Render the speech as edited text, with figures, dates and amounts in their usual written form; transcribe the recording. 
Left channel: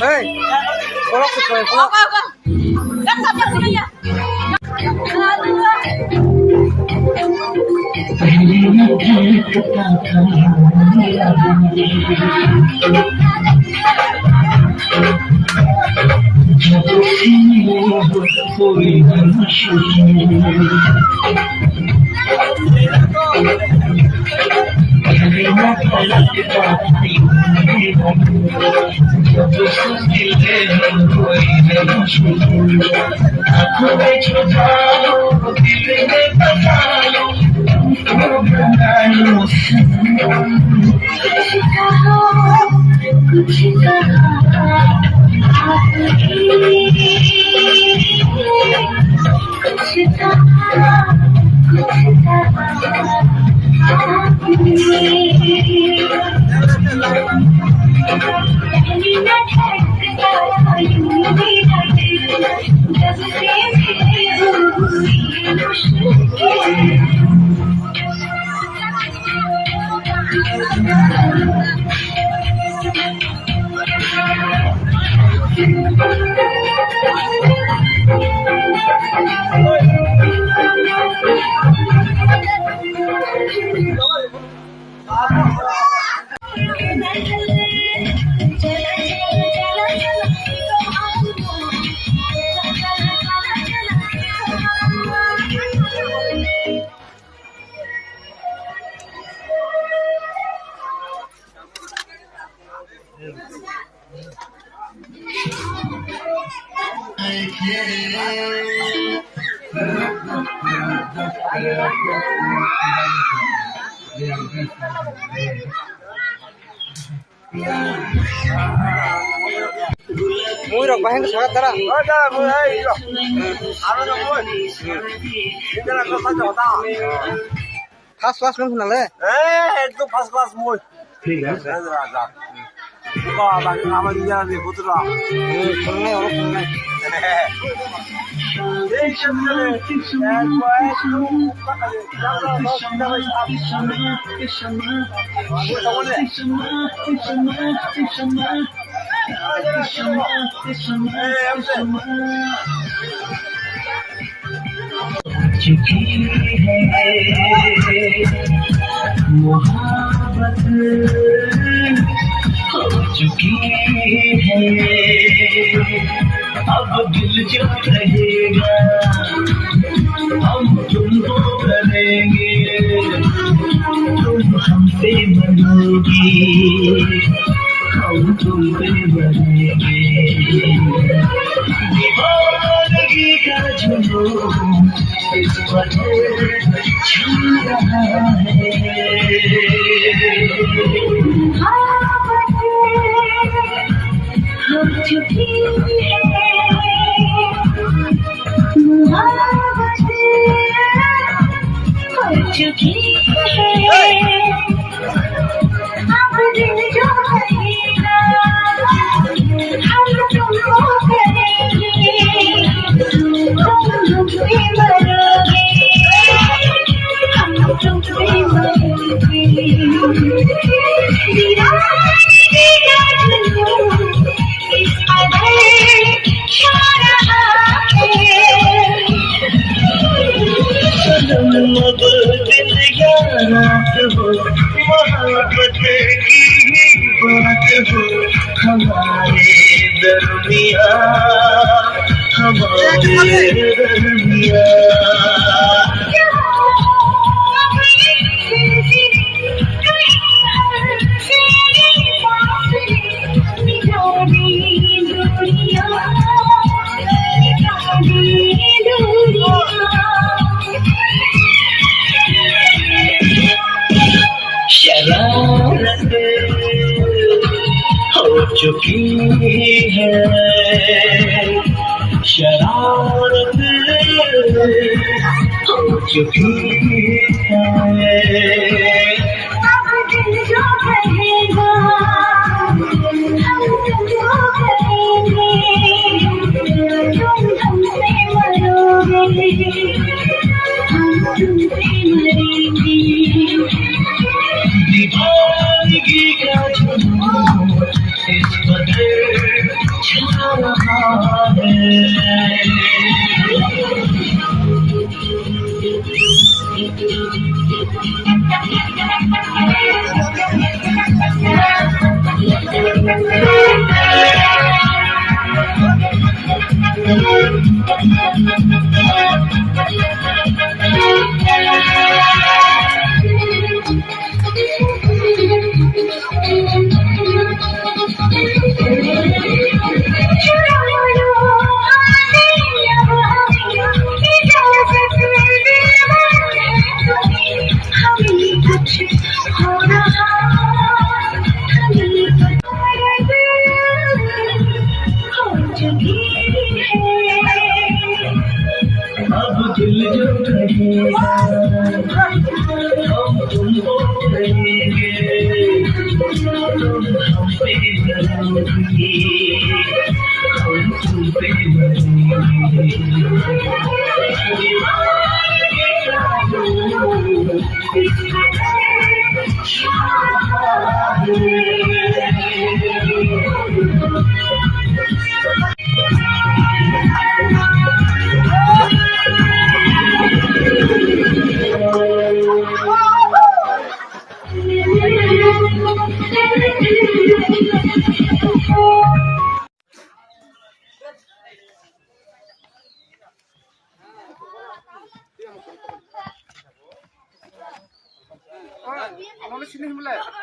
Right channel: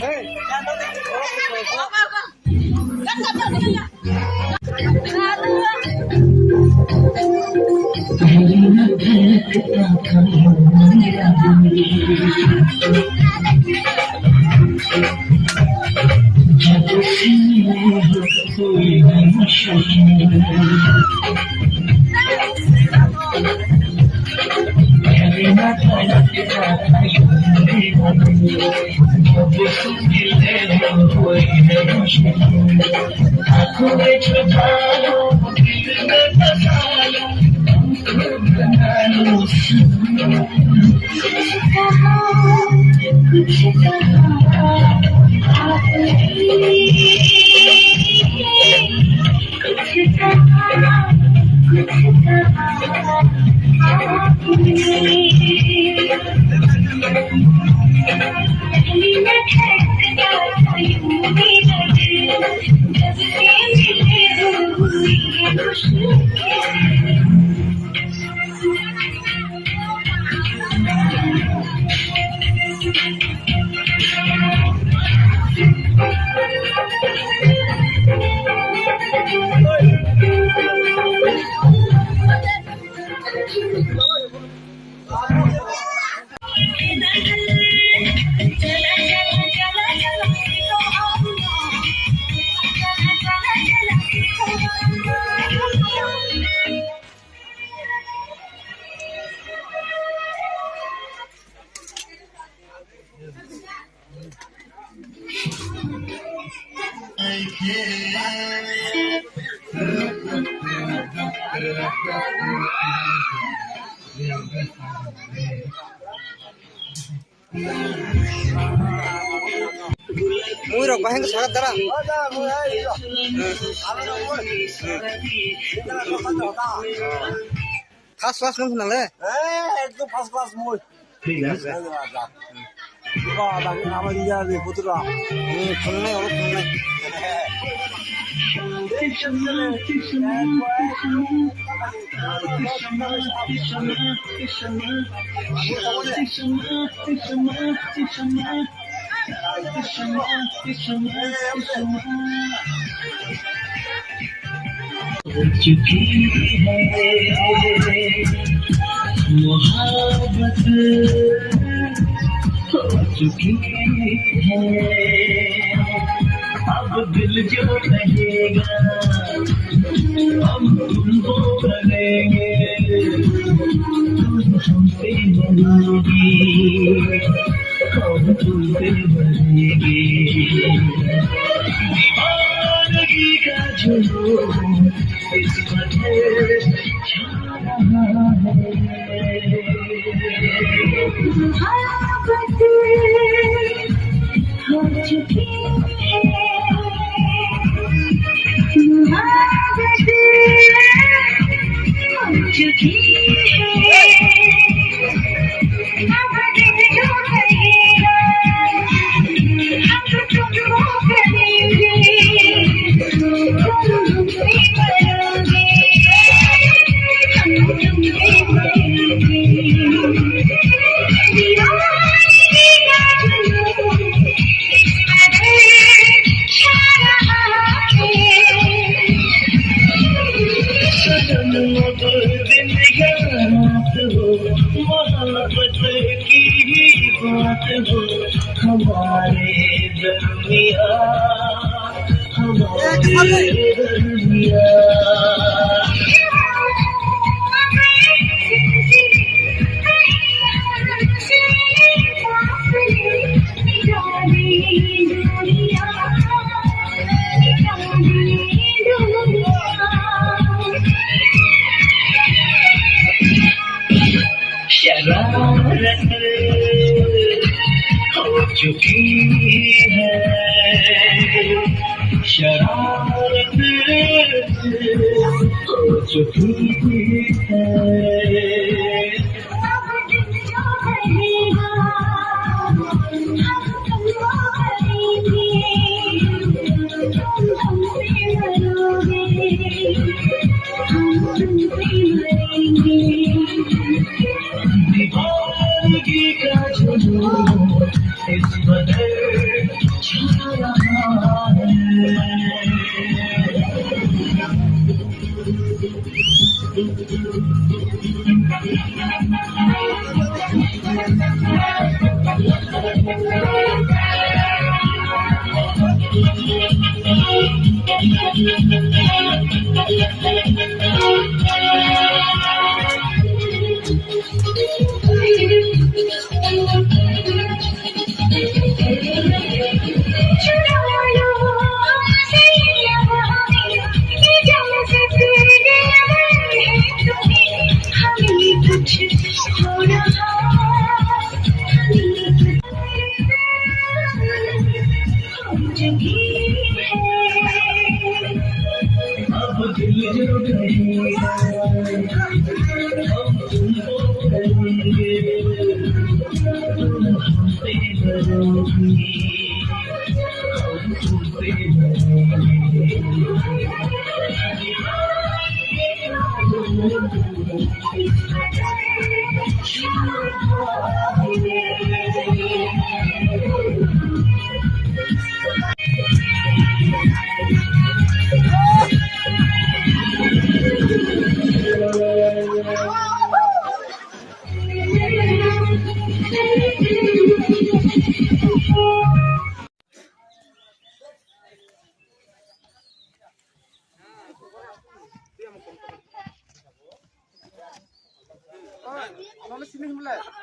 Hey, bolok ke kowe. Kan sama dia. Muy rok baheng salat tara. Khas khas nang sunang le. एकदम first class मोय ठीक है। बाबा आवाज नहीं आ रही बुतरा सुनने और सुनने। चुकी है मोहब्बत हो चुकी है अब दिल जो रहेगा हम तुमको करेंगे तुम हमसे मरोगी हम तुम पे मरेंगे दीवानगी का जुनून इस वजह छू रहा है हो चुकी है मोहब्बत हो चुकी है अब दिल जो रहेगा हम तुमको करेंगे तुम हमसे मरोगे हम तुमसे मरेंगे दीवानगी का जुनून इस कदर छा रहा है सनम अब दिन या रात हो मोहब्बत की ही बात हो हमारे दरमिया हमारे दरमिया शरारत हो चुकी है शरारत हो चुकी है अब दिल जो कहेगा हम तुमको करेंगे रहा है। अब दिल जो कहेगा हम तुमको कहेंगे, तुम हम पे मरोगी, हम तुम पे Mana sini mulai?